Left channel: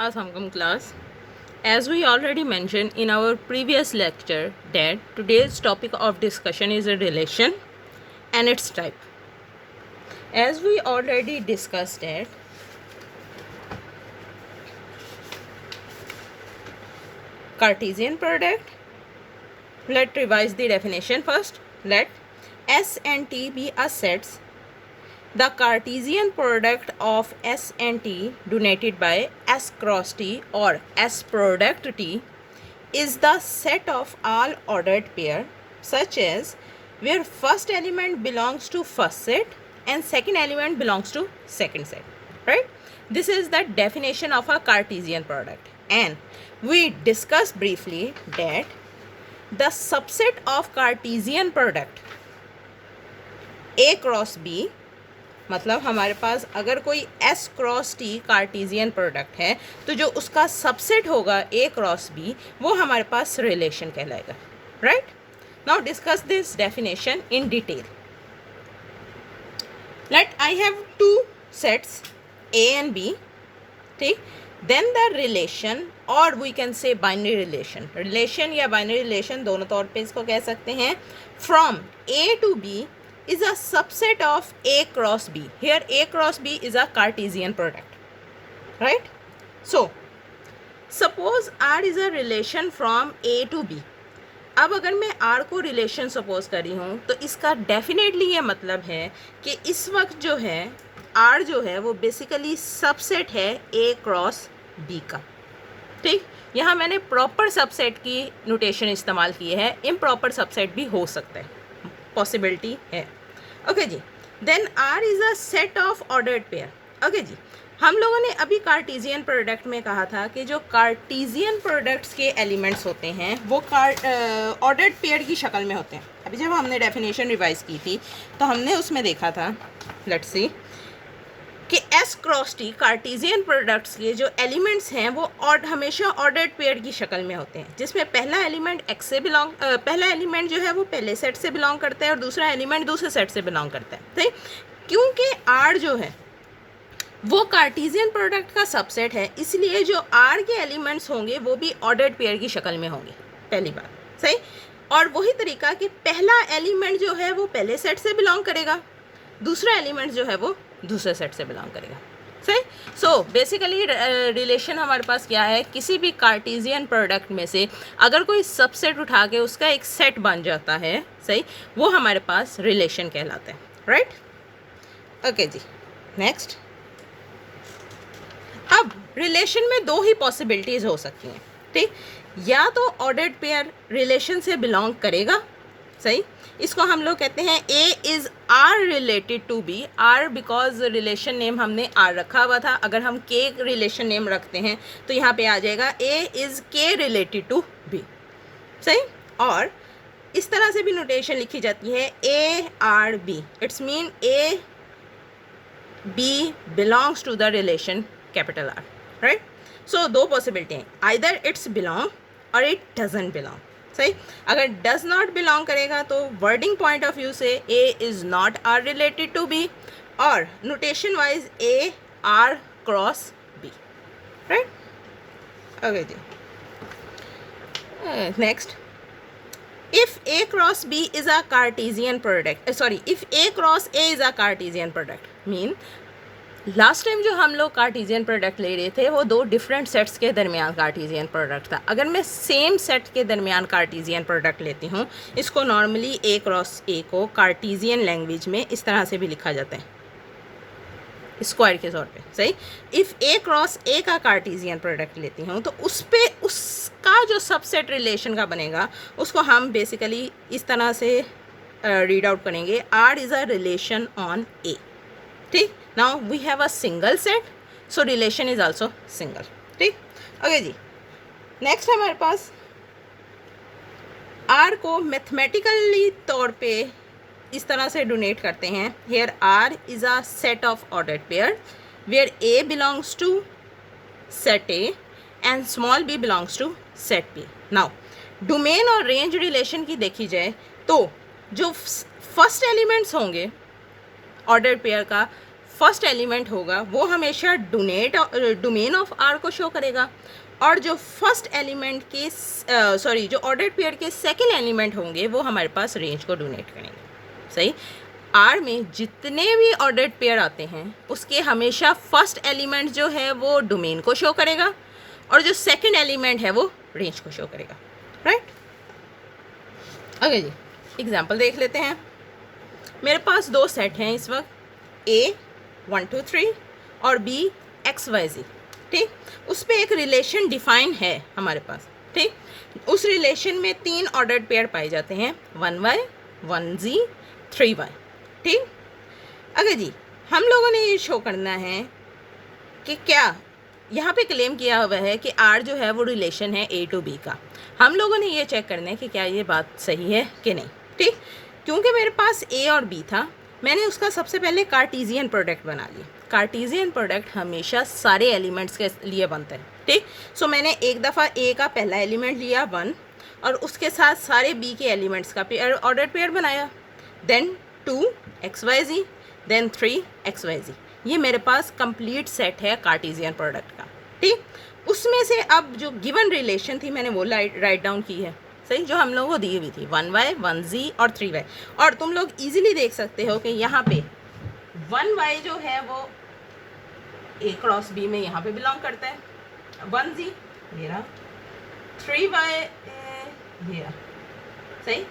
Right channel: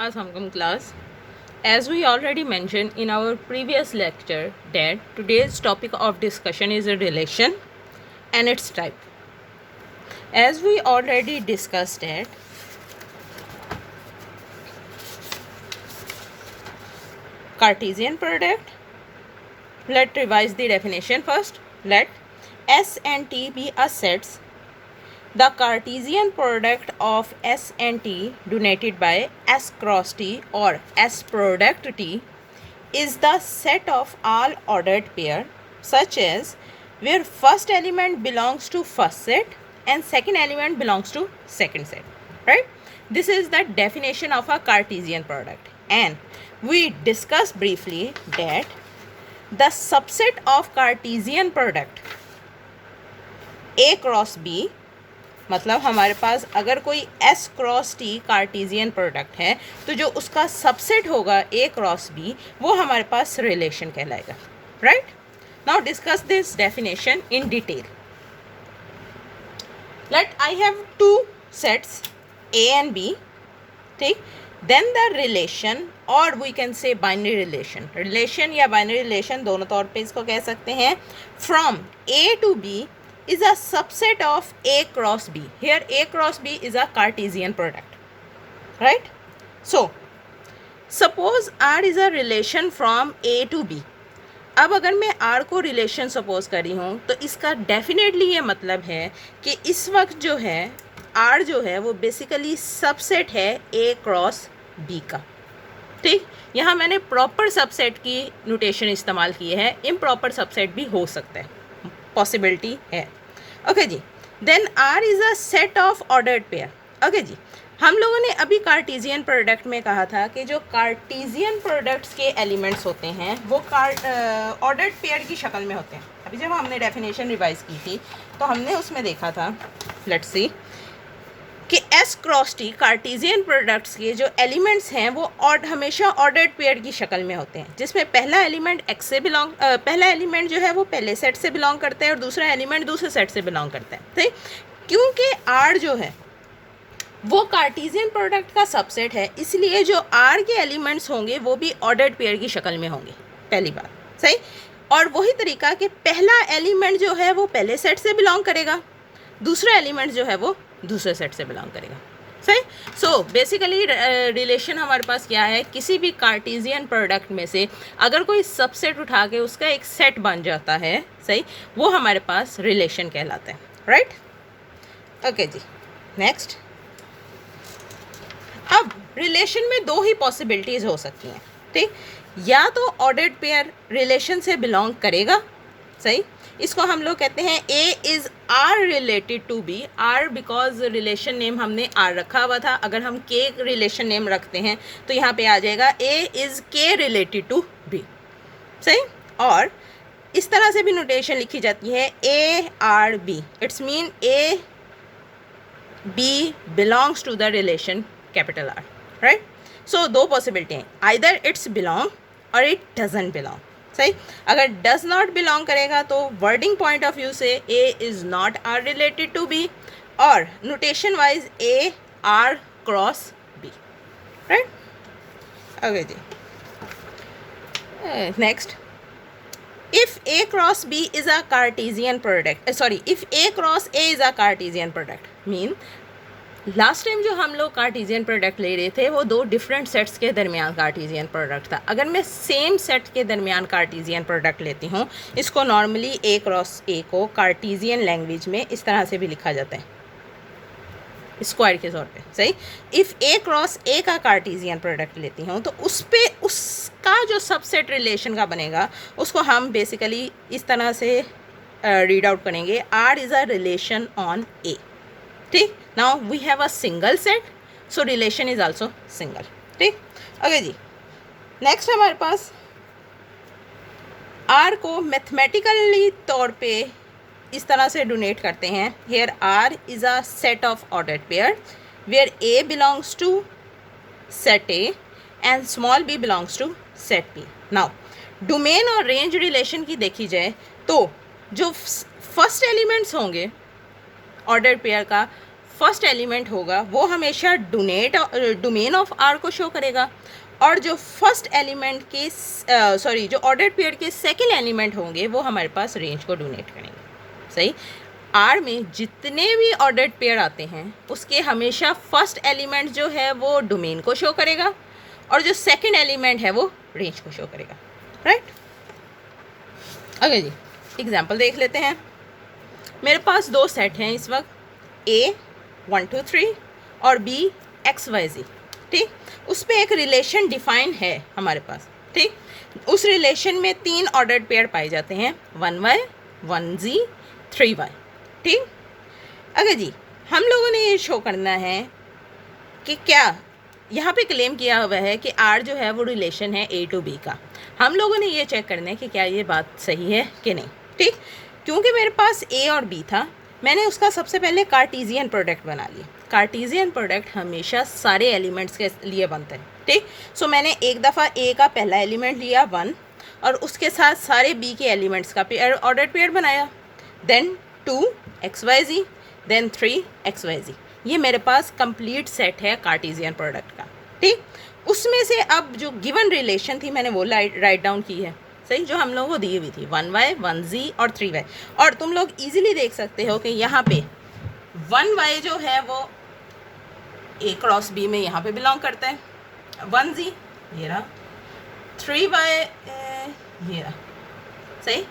Assalamualaikum class. As we already mentioned in our previous lecture that today's topic of discussion is a relation and its type. As we already discussed that Cartesian product, let's revise the definition first. Let S and T be a sets. The Cartesian product of S and T denoted by S cross T or S product T is the set of all ordered pair such as where first element belongs to first set and second element belongs to second set, right? This is the definition of a Cartesian product, and we discussed briefly that the subset of Cartesian product A cross B, मतलब हमारे पास अगर कोई S cross T Cartesian product है तो जो उसका subset होगा A cross B वो हमारे पास रिलेशन कहलाएगा, right? Now discuss this definition in detail. Let I have two sets A and B, ठीक? देन द रिलेशन और we can say binary relation. Relation या बाइनरी रिलेशन दोनों तौर पे इसको कह सकते हैं. From A to B is a subset of A cross B. Here A cross B is a Cartesian product, right? So suppose R is a relation from A to B. अब अगर मैं R को relation suppose करी हूँ तो इसका definitely ये मतलब है कि इस वक्त जो है R जो है वो बेसिकली सबसेट है A क्रॉस B का, ठीक? यहाँ मैंने प्रॉपर सबसेट की नोटेशन इस्तेमाल की है, इम्प्रॉपर सबसेट भी हो सकता है, पॉसिबिलिटी है. ओके जी. Then R is a set of ordered pair. Okay जी, हम लोगों ने अभी कार्टेशियन प्रोडक्ट में कहा था कि जो कार्टेशियन प्रोडक्ट्स के एलिमेंट्स होते हैं वो ऑर्डर्ड पेयर की शक्ल में होते हैं. अभी जब हमने डेफिनेशन रिवाइज की थी तो हमने उसमें देखा था, लेट्स सी, कि S cross T Cartesian products के जो एलिमेंट्स हैं वो हमेशा ऑर्डर्ड पेयर की शक्ल में होते हैं, जिसमें पहला एलिमेंट एक्स से पहला एलिमेंट जो है वो पहले सेट से बिलोंग करता है और दूसरा एलिमेंट दूसरे सेट से बिलोंग करता है, ठीक? क्योंकि आर जो है वो कार्टेशियन प्रोडक्ट का सबसेट है, इसलिए जो आर के एलिमेंट्स होंगे वो भी ऑर्डर्ड पेयर की शक्ल में होंगे, पहली बात, सही. और वही तरीका कि पहला एलिमेंट जो है वो पहले सेट से बिलोंग करेगा, दूसरा एलिमेंट जो है वो दूसरे सेट से बिलोंग करेगा, सही. सो बेसिकली रिलेशन हमारे पास क्या है, किसी भी कार्टेशियन प्रोडक्ट में से अगर कोई सबसेट उठा के उसका एक सेट बन जाता है, सही, वो हमारे पास रिलेशन कहलाता है, राइट? ओके जी. नेक्स्ट, अब रिलेशन में दो ही पॉसिबिलिटीज़ हो सकती हैं, ठीक? या तो ऑर्डर्ड पेयर रिलेशन से बिलोंग करेगा, सही. इसको हम लोग कहते हैं A is R related to B. R because relation name हमने R रखा हुआ था, अगर हम K रिलेशन नेम रखते हैं तो यहाँ पे आ जाएगा A is K related to B, सही. और इस तरह से भी नोटेशन लिखी जाती है A R B. It's mean A B belongs to the relation capital R, right? So दो पॉसिबिलिटी हैं, आइदर इट्स बिलोंग और इट डजंट बिलोंग, सही. अगर डज नॉट बिलोंग करेगा तो वर्डिंग पॉइंट ऑफ व्यू से A is not R related to B और notation wise A R cross B, right? Okay जी. Next, if A cross B is a Cartesian product, if A cross A is a Cartesian product, mean last time जो हम लोग Cartesian product ले रहे थे वो दो डिफरेंट सेट्स के दरमियान कार्टेशियन प्रोडक्ट था. अगर मैं सेम सेट के दरमियान कार्टेशियन प्रोडक्ट लेती हूँ, इसको नॉर्मली A क्रॉस A को कार्टेशियन लैंग्वेज में इस तरह से भी लिखा जाता है, स्क्वायर के तौर पे, सही. इफ़ A क्रॉस A का कार्टेशियन प्रोडक्ट लेती हूँ तो उस पर उसका जो सबसेट रिलेशन का बनेगा उसको हम बेसिकली इस तरह से रीड आउट करेंगे, R is a relation on A, ठीक. Now we have a single set, so relation is also single, ठीक. ओके जी. नेक्स्ट हमारे पास आर को मैथमेटिकली तौर पे इस तरह से डोनेट करते हैं. Here are is a set of ordered pair where a belongs to set A and small b belongs to set B. Now domain और रेंज रिलेशन की देखी जाए तो जो फर्स्ट एलिमेंट्स होंगे ऑर्डर्ड पेयर का, फर्स्ट एलिमेंट होगा वो हमेशा डोमेन ऑफ आर को शो करेगा, और जो फर्स्ट एलिमेंट के जो ऑर्डर्ड पेयर के सेकंड एलिमेंट होंगे वो हमारे पास रेंज को डोनेट करेंगे। सही, आर में जितने भी ऑर्डर्ड पेयर आते हैं उसके हमेशा फर्स्ट एलिमेंट जो है वो डोमेन को शो करेगा, और जो सेकंड एलिमेंट है वो रेंज को शो करेगा। राइट, ओके जी, एग्जांपल देख लेते हैं। मेरे पास दो सेट हैं इस वक्त, A 1 2 3 और B XYZ। ठीक, उस पर एक रिलेशन डिफाइन है हमारे पास। ठीक, उस रिलेशन में 3 ऑर्डर्ड पेयर पाए जाते हैं, 1Y 1Z 3Y। ठीक, अगर जी हम लोगों ने ये शो करना है कि क्या यहाँ पे क्लेम किया हुआ है कि R जो है वो रिलेशन है A to B का। हम लोगों ने ये चेक करना है कि क्या ये बात सही है कि नहीं। ठीक, क्योंकि मेरे पास A और B था, मैंने उसका सबसे पहले कार्टीजियन प्रोडक्ट बना लिया। कार्टीजियन प्रोडक्ट हमेशा सारे एलिमेंट्स के लिए बनते हैं। ठीक, सो मैंने एक दफ़ा A का पहला एलिमेंट लिया 1, और उसके साथ सारे B के एलिमेंट्स का पेयर ऑर्डर्ड पेयर बनाया, देन 2 XYZ, देन 3 XYZ। ये मेरे पास कंप्लीट सेट है कार्टीजियन प्रोडक्ट का। ठीक, उसमें से अब जो गिवन रिलेशन थी मैंने वो राइट डाउन की है। सही, जो हम लोगों को दी हुई थी 1Y 1Z और 3Y। और तुम लोग इजीली देख सकते हो कि यहाँ पे 1Y जो है वो A क्रॉस B में यहाँ पे बिलोंग करता है, 1Z ये रहा, 3Y ये रहा। सही,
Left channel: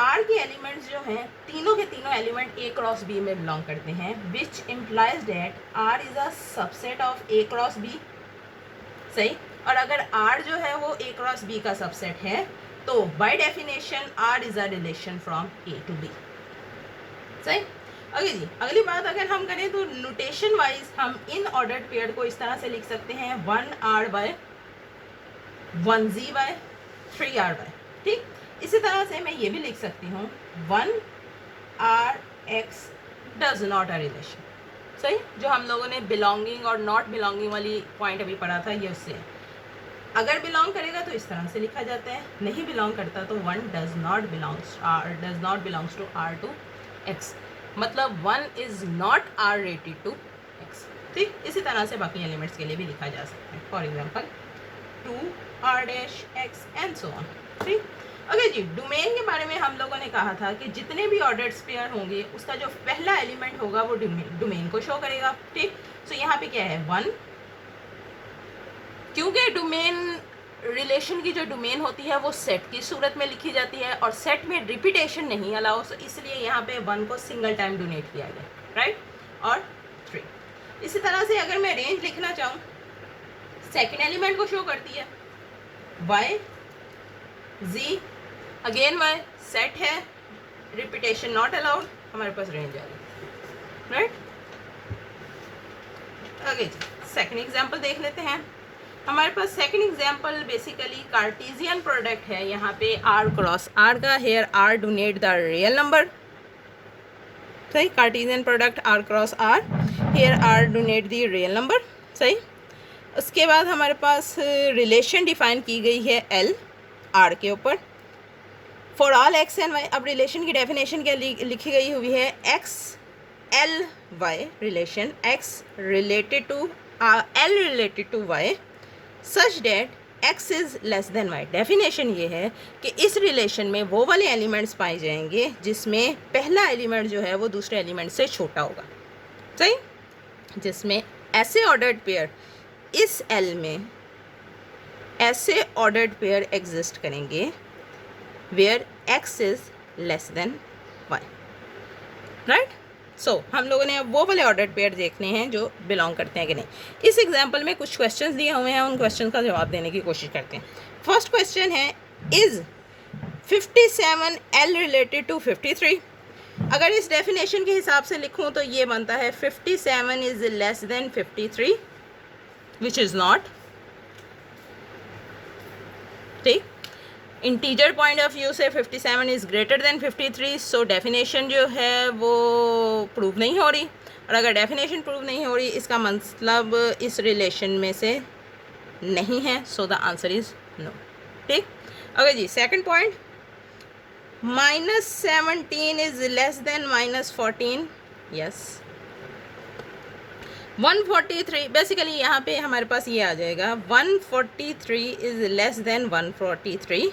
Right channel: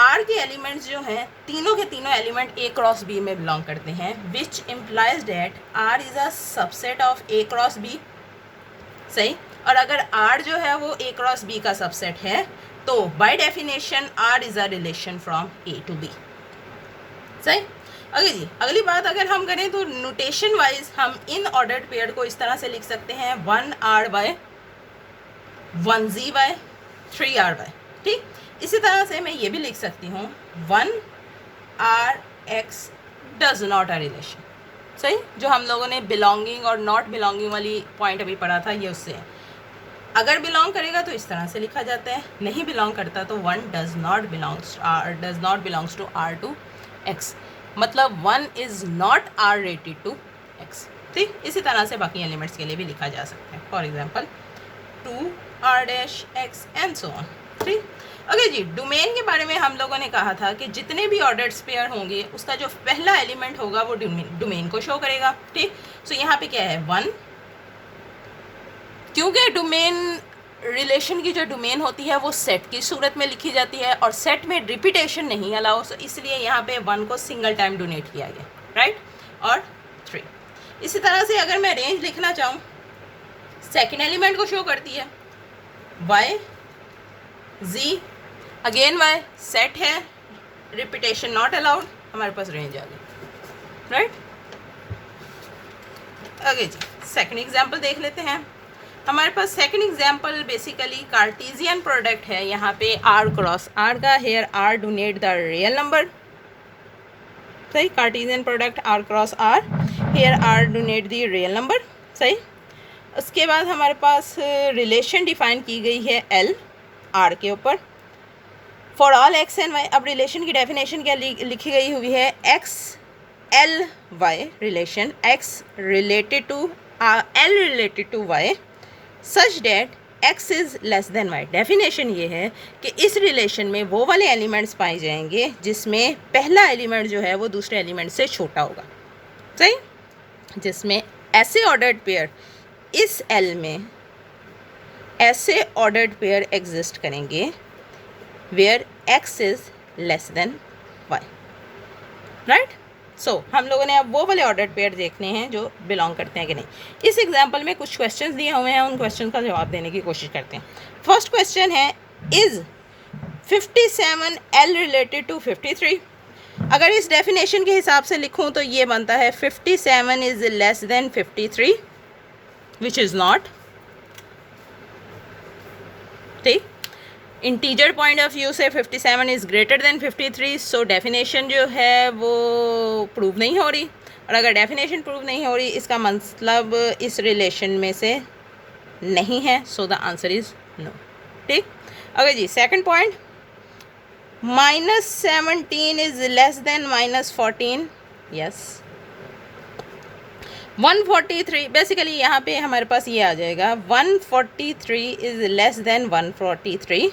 R के एलिमेंट्स जो हैं तीनों के तीनों एलिमेंट A क्रॉस B में बिलोंग करते हैं, which implies that R is a subset of A cross B। सही, और अगर R जो है वो A क्रॉस B का सबसेट है तो by definition R is a relation from A to B। सही, अगे जी अगली बात अगर हम करें तो नोटेशन वाइज हम इन ऑर्डर्ड पेयर को इस तरह से लिख सकते हैं 1RY 1ZY 3RY। ठीक, इसी तरह से मैं ये भी लिख सकती हूँ 1RX does not a relation. सही, जो हम लोगों ने बिलोंगिंग और नॉट बिलोंगिंग वाली पॉइंट अभी पढ़ा था ये उससे। अगर बिलोंग करेगा तो इस तरह से लिखा जाता है, नहीं बिलोंग करता तो 1 does not belongs to R to X, मतलब 1 is not R related to X। ठीक, इसी तरह से बाकी एलिमेंट्स के लिए भी लिखा जा सकता है, for example 2R' and so on. ठीक, ओके जी, डोमेन के बारे में हम लोगों ने कहा था कि जितने भी ऑर्डर्ड पेयर होंगे उसका जो पहला एलिमेंट होगा वो डोमेन को शो करेगा। ठीक, सो यहाँ पे क्या है 1, क्योंकि डोमेन रिलेशन की जो डोमेन होती है वो सेट की सूरत में लिखी जाती है और सेट में रिपीटेशन नहीं अलाउ, इसलिए यहाँ पे 1 को सिंगल टाइम डोनेट किया गया। राइट, और 3। इसी तरह से अगर मैं रेंज लिखना चाहूँ, सेकेंड एलिमेंट को शो करती है Y Z, again Y set है, रिपीटेशन नॉट अलाउड, हमारे पास रेंज आ गई। राइट, ओके जी, सेकेंड एग्जाम्पल देख लेते हैं। हमारे पास second example basically Cartesian product है, यहाँ पे R क्रॉस R का, here R denote the real number. सही, Cartesian product R cross R, here R denote the real number. सही, उसके बाद हमारे पास रिलेशन डिफाइन की गई है L R के ऊपर for all X and Y। अब रिलेशन की डेफिनेशन क्या लिखी गई हुई है, X L Y relation, X related to L related to Y such that X is less than Y। Definition ये है कि इस रिलेशन में वो वाले एलिमेंट्स पाए जाएंगे जिसमें पहला एलिमेंट जो है वो दूसरे एलिमेंट से छोटा होगा। सही, जिसमें ऐसे ऑर्डर्ड पेयर इस L में ऐसे ऑर्डर्ड पेयर एग्जिस्ट करेंगे where X is less than Y। Right, so हम लोगों ने अब वो वाले ऑर्डर्ड पेयर देखने हैं जो बिलोंग करते हैं कि नहीं। इस एग्जांपल में कुछ क्वेश्चंस दिए हुए हैं, उन क्वेश्चन का जवाब देने की कोशिश करते हैं। फर्स्ट क्वेश्चन है, इज़ 57 L रिलेटेड टू 53। अगर इस डेफिनेशन के हिसाब से लिखूं तो ये बनता है 57 is less then 53, which is not. ठीक, इंटीजर पॉइंट ऑफ व्यू से 57 is greater than 53, so definition जो है वो प्रूव नहीं हो रही, और अगर डेफिनेशन प्रूव नहीं हो रही इसका मतलब इस रिलेशन में से नहीं है, so the answer is no. ठीक, ओके जी, second point, -17 is less than -14, yes. 143 basically यहाँ पे हमारे पास ये आ जाएगा 143 इज़ लेस देन 143।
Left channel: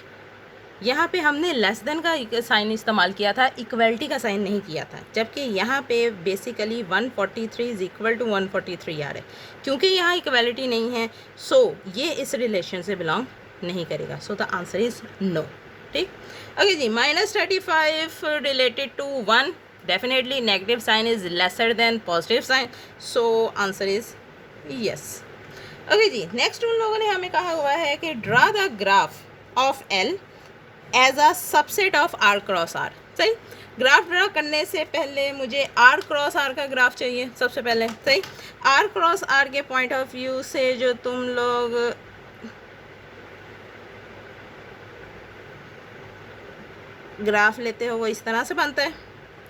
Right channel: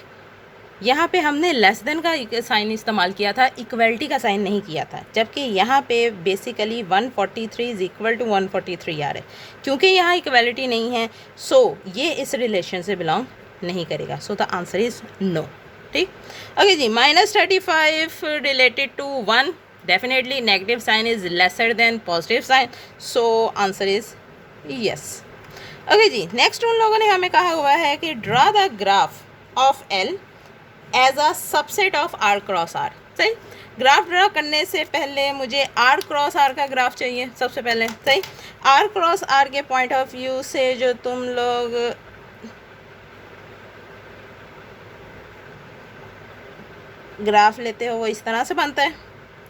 यहाँ पे हमने लेस देन का साइन इस्तेमाल किया था, इक्वलिटी का साइन नहीं किया था, जबकि यहाँ पे बेसिकली 143 इज़ इक्वल टू 143 आ रहा है। क्योंकि यहाँ इक्वलिटी नहीं है सो ये इस रिलेशन से बिलोंग नहीं करेगा। So the answer is no. ठीक, ओके जी। -35 related to 1, definitely negative sign is lesser than positive sign, so answer is yes. Okay जी, नेक्स्ट उन लोगों ने हमें कहा हुआ है कि draw the graph of L as a subset of R cross R. सही, ग्राफ ड्रा करने से पहले मुझे आर क्रॉस आर का ग्राफ चाहिए सबसे पहले। सही, आर क्रॉस आर के पॉइंट ऑफ व्यू से जो तुम लोग ग्राफ लेते हो वो इस तरह से बनता है।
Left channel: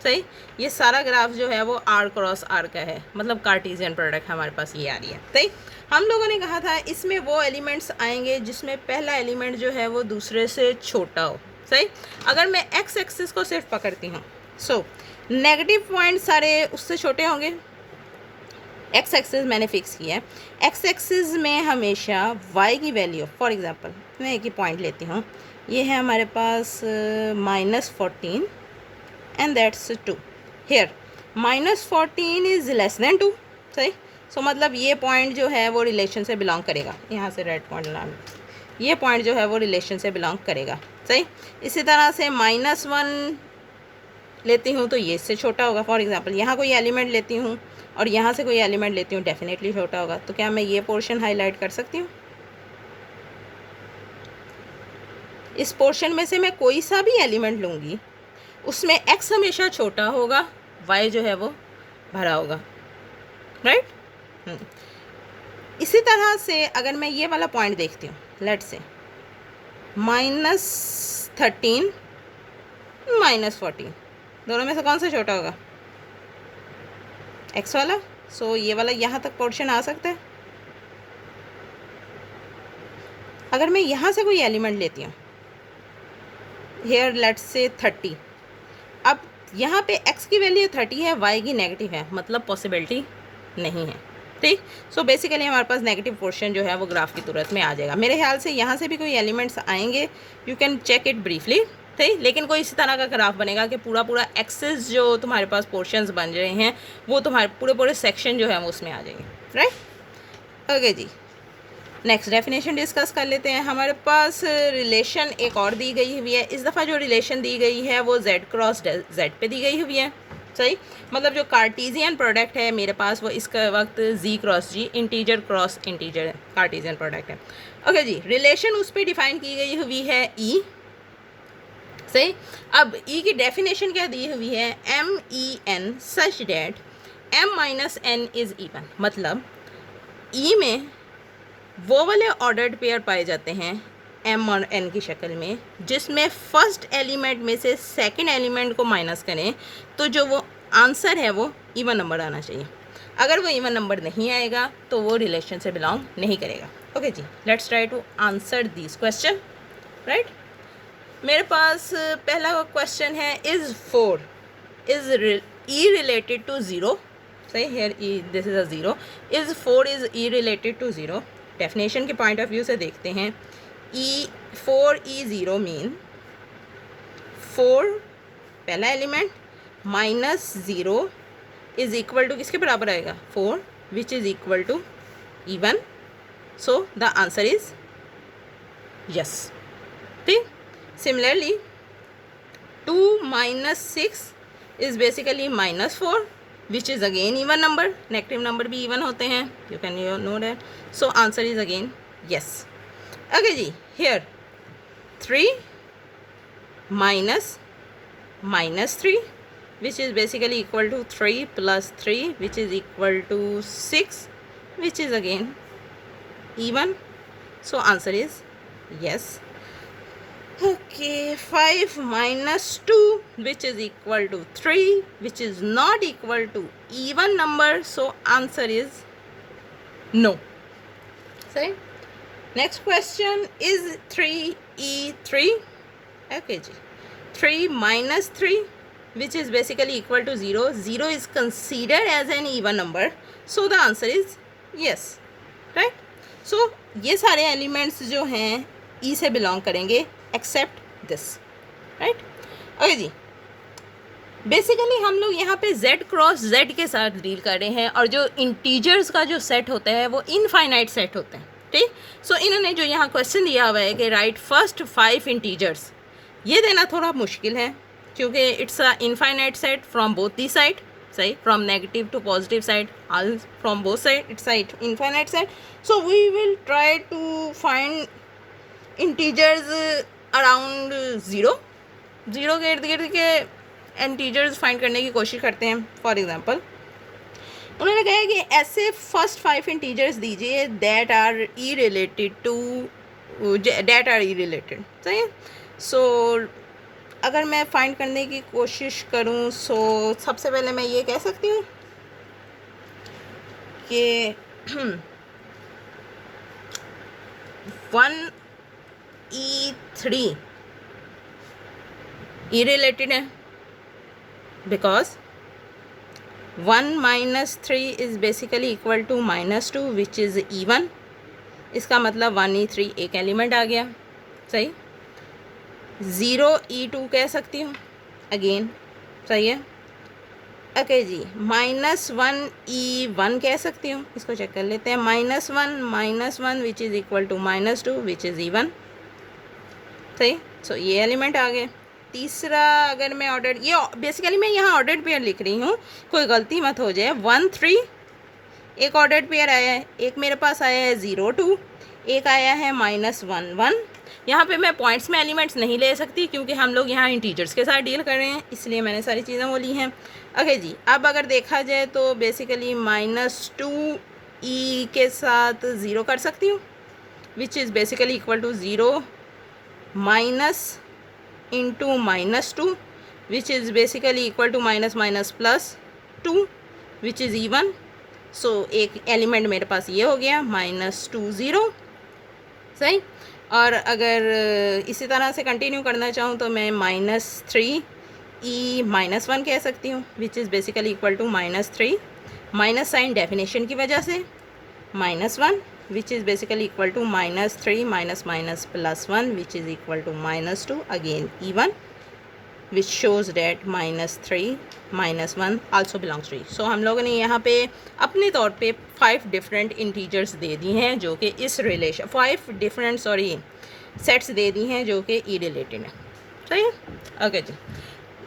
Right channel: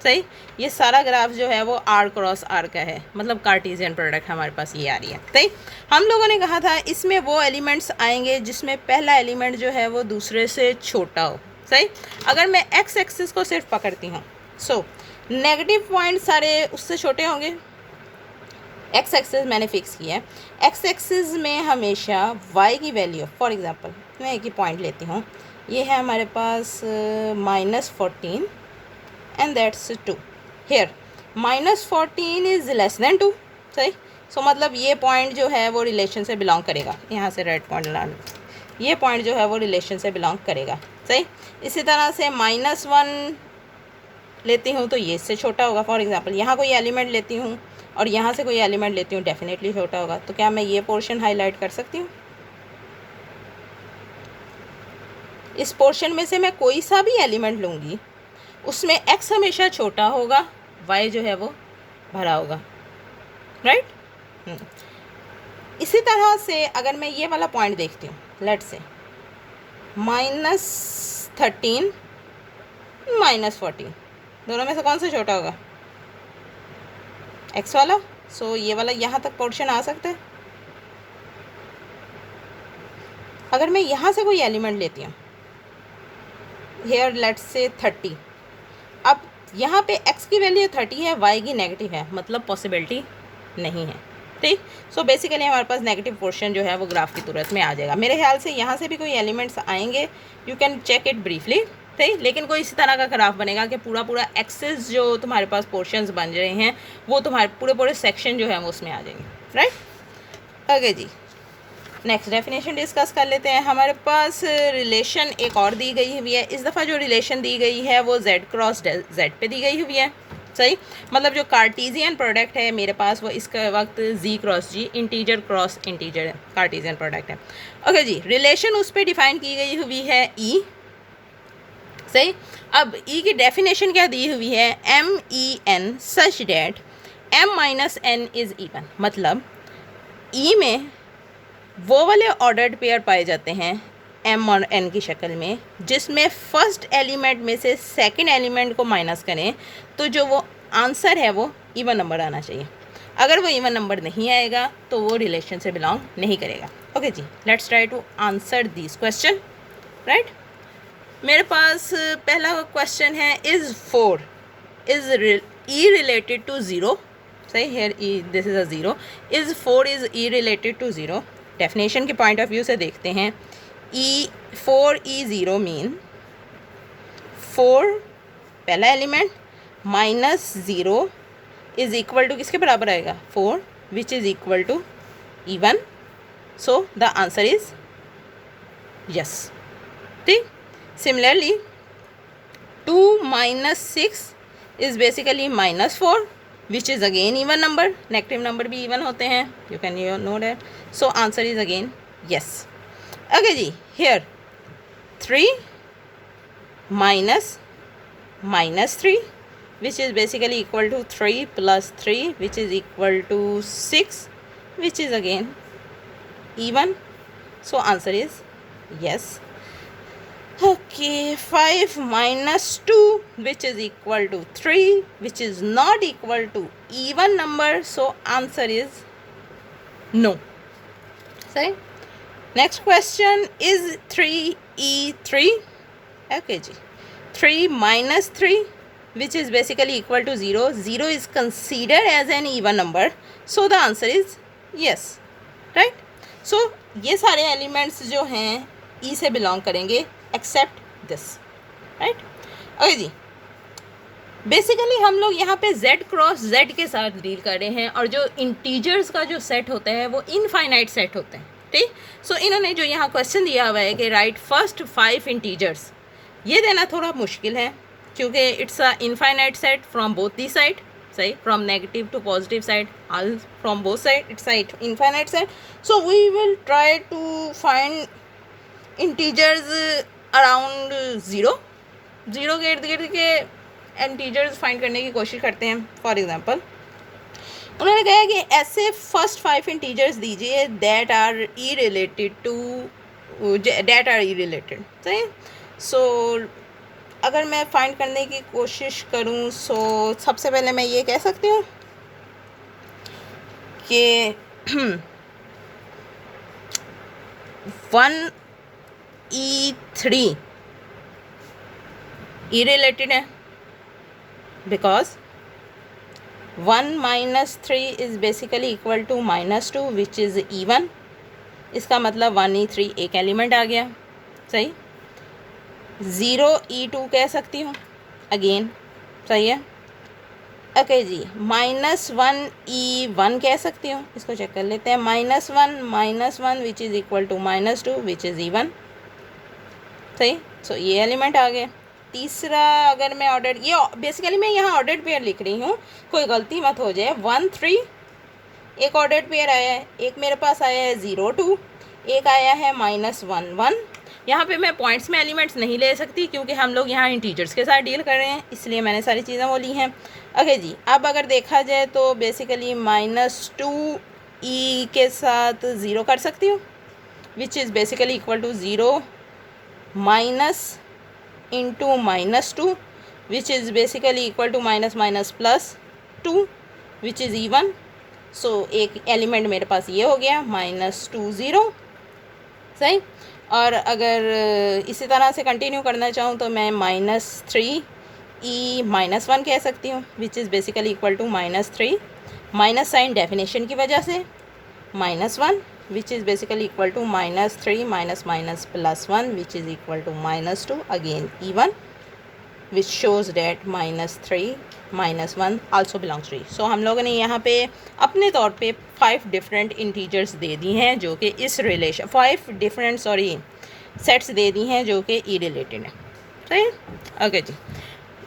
सही, ये सारा ग्राफ जो है वो आर क्रॉस आर का है, मतलब कार्टेशियन प्रोडक्ट हमारे पास ये आ रही है। सही, हम लोगों ने कहा था इसमें वो एलिमेंट्स आएंगे जिसमें पहला एलिमेंट जो है वो दूसरे से छोटा हो। सही, अगर मैं एक्स एक्सिस को सिर्फ पकड़ती हूँ सो नेगेटिव पॉइंट सारे उससे छोटे होंगे। एक्स एक्सिस मैंने फिक्स किया है, एक्स एक्सिस में हमेशा वाई की वैल्यू, फॉर एग्जांपल मैं एक ही पॉइंट लेती हूँ, ये है हमारे पास -14 and that's 2। Here -14 is less than 2। सही, सो मतलब ये पॉइंट जो है वो रिलेशन से बिलोंग करेगा। यहाँ से रेड पॉइंट लाना, ये पॉइंट जो है वो रिलेशन से बिलोंग करेगा। सही, इसी तरह से -1 लेती हूँ तो ये इससे छोटा होगा। फॉर एग्जांपल यहाँ कोई एलिमेंट लेती हूँ और यहाँ से कोई एलिमेंट लेती हूँ, डेफिनेटली छोटा होगा। तो क्या मैं ये पोर्शन हाईलाइट कर सकती हूँ? इस पोर्शन में से मैं कोई सा भी एलिमेंट लूँगी उसमें x हमेशा छोटा होगा, y जो है वो भरा होगा। राइट, इसी तरह से अगर मैं ये वाला पॉइंट देखती हूँ, लेट्स से -13 -14, दोनों में से कौन सा छोटा होगा? x वाला। सो ये वाला यहाँ तक पोर्शन आ सकता है। अगर मैं यहाँ से कोई एलिमेंट लेती हूँ, हेयर लेट्स से 30, अब यहाँ पे x की वैल्यू 30 है, y की नेगेटिव है, मतलब पॉसिबिलिटी नहीं है। ठीक, सो बेसिकली हमारे पास नेगेटिव पोर्शन जो है वो ग्राफ की सूरत में आ जाएगा। मेरे ख्याल से यहाँ से भी कोई एलिमेंट्स आएंगे, you can check it briefly. ठीक, लेकिन कोई इसी तरह का ग्राफ बनेगा कि पूरा पूरा एक्सेस जो तुम्हारे पास पोर्शंस बन रहे हैं वो तुम्हारे पूरे पूरे सेक्शन जो है वो उसमें आ जाएंगे। राइट, ओके जी, नेक्स्ट डेफिनेशन डिस्कस कर लेते हैं। हमारे पास रिलेशन एक और दी गई हुई है। इस दफ़ा जो रिलेशन दी गई है वो z क्रॉस z पे दी गई हुई है। सही, मतलब जो कार्टेशियन प्रोडक्ट है मेरे पास वो इसका वक्त z cross g, integer cross integer है, कार्टेशियन प्रोडक्ट है। ओके जी, रिलेशन उस पर डिफाइन की गई हुई है e। सही, अब e की डेफिनेशन क्या दी हुई है? MEN such that m - n is even, मतलब e में वो वाले ऑर्डर्ड पेयर पाए जाते हैं m और n की शक्ल में जिसमें फर्स्ट एलिमेंट में से सेकंड एलिमेंट को माइनस करें तो जो वो आंसर है वो इवन नंबर आना चाहिए। अगर वो इवन नंबर नहीं आएगा तो वो रिलेशन से बिलोंग नहीं करेगा। ओके जी, let's try to answer this question. Right, मेरे पास पहला क्वेश्चन है, is 4 is E related to 0। सही, here E this is a 0। Is 4 is E related to 0। Definition के पॉइंट ऑफ व्यू से देखते हैं,4e0 मीन 4 पहला एलिमेंट -0 इज़ इक्वल टू किसके बराबर आएगा? 4 which is equal to even. So the answer is yes. ठीक, similarly 2 - 6 is basically -4 which is again even number. Negative number भी even होते हैं, you can know that. So answer is again yes. Okay जी, here 3 minus 3 which is basically equal to 3 plus 3 which is equal to 6 which is again even. So answer is yes. Okay, 5 minus 2 which is equal to 3 which is not equal to even number. So answer is no. सही, next question, is 3e3। Okay जी, 3 minus 3 which is basically equal to 0। 0 is considered as an even number, so the answer is yes, right. So ये सारे elements जो हैं E से belong करेंगे except this, right. Okay जी, basically हम लोग यहाँ पे z क्रॉस z के साथ डील कर रहे हैं और जो इंटीजर्स का जो सेट होता है वो इनफाइनाइट सेट होते हैं, ठीक। सो इन्होंने जो यहाँ क्वेश्चन दिया हुआ है कि राइट फर्स्ट 5 इंटीजर्स, ये देना थोड़ा मुश्किल है क्योंकि it's a infinite set from both the side, सही, from negative to positive side, all from both side it's a infinite set. So we will try to find integers around zero के इर्द गिर्द के इंटीजर्स फाइंड करने की कोशिश करते हैं। फॉर एग्जांपल उन्होंने कहा कि ऐसे फर्स्ट 5 इंटीजर्स दीजिए दैट आर ई रिलेटेड, सही। सो अगर मैं फाइंड करने की कोशिश करूं, सो सबसे पहले मैं ये कह सकती हूँ कि 1e3 ई रिलेटेड है because 1 minus 3 is basically equal to -2 which is even, इसका मतलब 1e3 एक एलिमेंट आ गया, सही। 0e2 कह सकती हूँ अगेन, सही है। ओके जी, -1e1 कह सकती हूँ, इसको चेक कर लेते हैं। -1 which is equal to -2 which is even, सही। सो ये एलिमेंट आ गए। तीसरा अगर मैं ऑर्डर, ये बेसिकली मैं यहाँ ऑर्डर्ड पेयर लिख रही हूँ, कोई गलती मत हो जाए। 1 3 एक ऑर्डर्ड पेयर आया है, एक मेरे पास आया है 0 2, एक आया है -1 1। यहाँ पे मैं पॉइंट्स में एलिमेंट्स नहीं ले सकती क्योंकि हम लोग यहाँ इंटीजर्स के साथ डील कर रहे हैं, इसलिए मैंने सारी चीज़ें बोली हैं। ओके जी, अब अगर देखा जाए तो बेसिकली -2e के साथ 0 कर सकती हूँ which is basically equal to 0 minus into -2 which is basically equal to -+ 2 which is even. So एक एलिमेंट मेरे पास ये हो गया -2 0, सही। और अगर इसी तरह से कंटिन्यू करना चाहूँ तो मैं -3e-1 कह सकती हूँ which is basically equal to -3 minus sign definition की वजह से -1 which is basically equal to -3 +1 which is equal to -2 again even, which shows that -3 -1 also belongs to E। So हम लोगों ने यहाँ पे अपने तौर पे 5 डिफरेंट इंटीजर्स दे दी हैं जो कि इस रिलेशन 5 डिफरेंट सेट्स दे दी हैं जो कि ई रिलेटेड है, सही। ओके जी,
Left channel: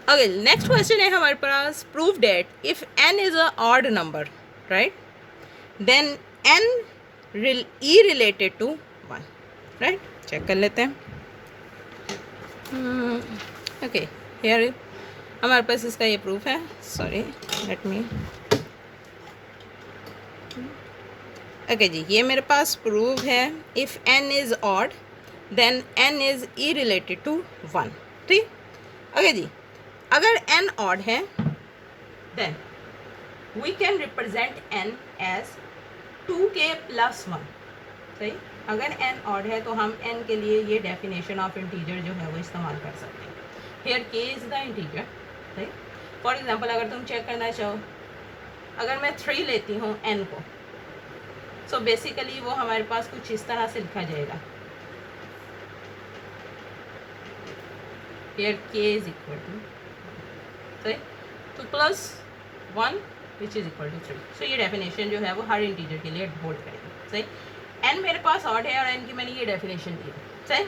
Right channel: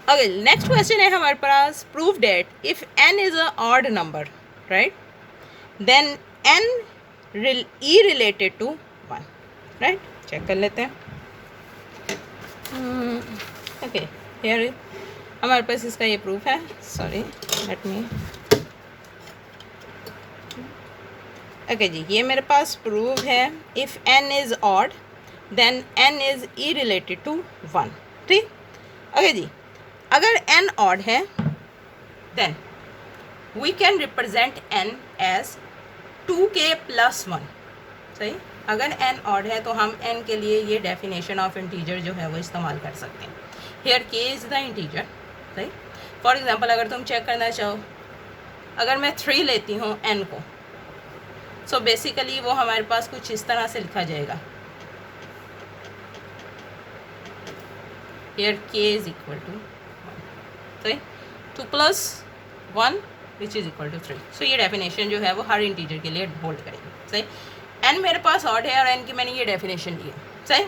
ओके नेक्स्ट क्वेश्चन है हमारे पास, prove that if n is a odd number, right, then n E related to 1, right. Check कर लेते हैं। ओके हियर हमारे पास इसका ये प्रूफ है, सॉरी लेट मी। ओके जी, ये मेरे पास प्रूफ है if n is odd then n is E related to 1, ठीक। ओके जी, अगर n ऑड है then we can represent n as 2k + 1, सही। अगर n ऑड है तो हम n के लिए ये डेफिनेशन ऑफ इंटीजर जो है वो इस्तेमाल कर सकते हैं। Here k is the integer, सही। फॉर एग्जांपल अगर तुम चेक करना चाहो, अगर मैं 3 लेती हूँ n को, सो बेसिकली वो हमारे पास कुछ इस तरह से लिखा जाएगा, here k is equal to, सही, 2 + 1 which is equal to 3। So ये डेफिनेशन जो है वो हर इंटीजर के लिए होल्ड करेगी, सही। n मेरे पास ऑड है और n की मैंने ये डेफिनेशन दी, सही,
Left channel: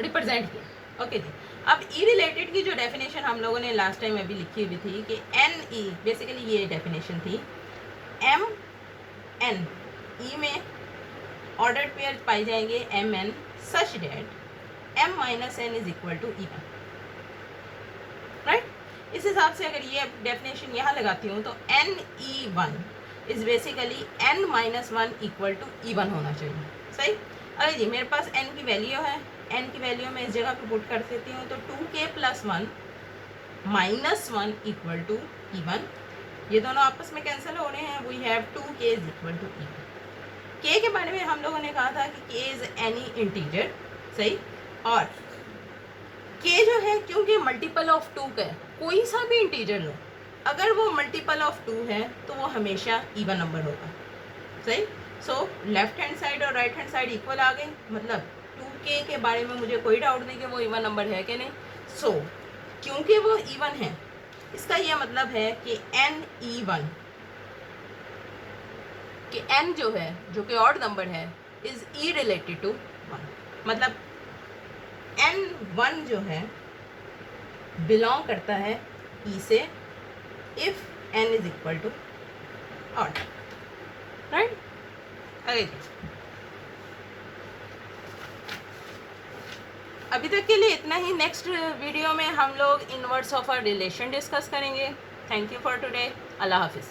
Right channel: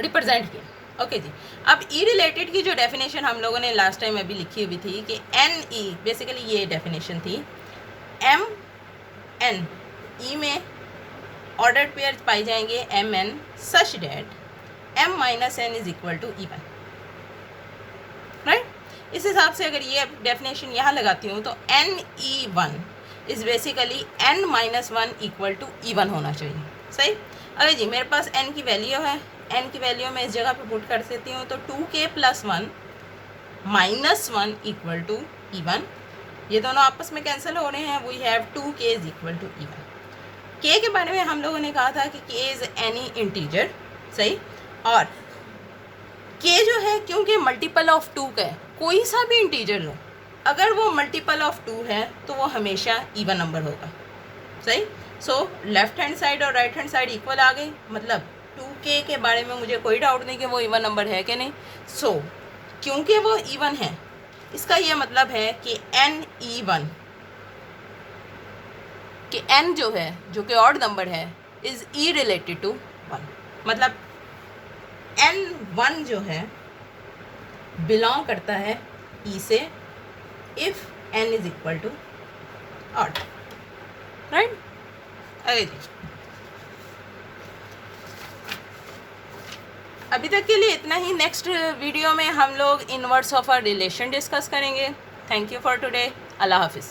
रिप्रेजेंट की। ओके जी, अब ई रिलेटेड की जो डेफिनेशन हम लोगों ने लास्ट टाइम अभी लिखी हुई थी कि n e, बेसिकली ये डेफिनेशन थी m n e में ऑर्डर्ड पेयर पाए जाएंगे m n such that m - n is equal to even, right. इस हिसाब से अगर ये डेफिनेशन यहाँ लगाती हूँ तो NE1 is basically n - 1 equal to even होना चाहिए, सही। अरे जी, मेरे पास n की वैल्यू है, n की वैल्यू मैं इस जगह पे पुट कर सकती हूँ, तो 2k + 1 - 1 इक्वल टू इवन। ये दोनों आपस में कैंसिल हो रहे हैं, we have 2k is equal to even. k के बारे में हम लोगों ने कहा था कि k इज़ एनी इंटीजर, सही। और k जो है क्योंकि मल्टीपल ऑफ 2 का है, कोई सा भी इंटीजर लो, अगर वो मल्टीपल ऑफ 2 है तो वो हमेशा इवन नंबर होगा, सही। सो लेफ्ट हैंड साइड और राइट हैंड साइड इक्वल आ गई, मतलब 2k के बारे में मुझे कोई डाउट नहीं कि वो इवन नंबर है कि नहीं। सो क्योंकि वो इवन है, इसका ये मतलब है कि n इवन, कि n जो है, जो कि ऑड नंबर है, इज़ ई रिलेटेड टू 1, मतलब n1 जो है बिलोंग करता है e से if n is equal to odd, right. अरे जी, अभी तक के लिए इतना ही। नेक्स्ट वीडियो में हम लोग inverse of a relation discuss करेंगे। Thank you for today. अल्लाह हाफिज़।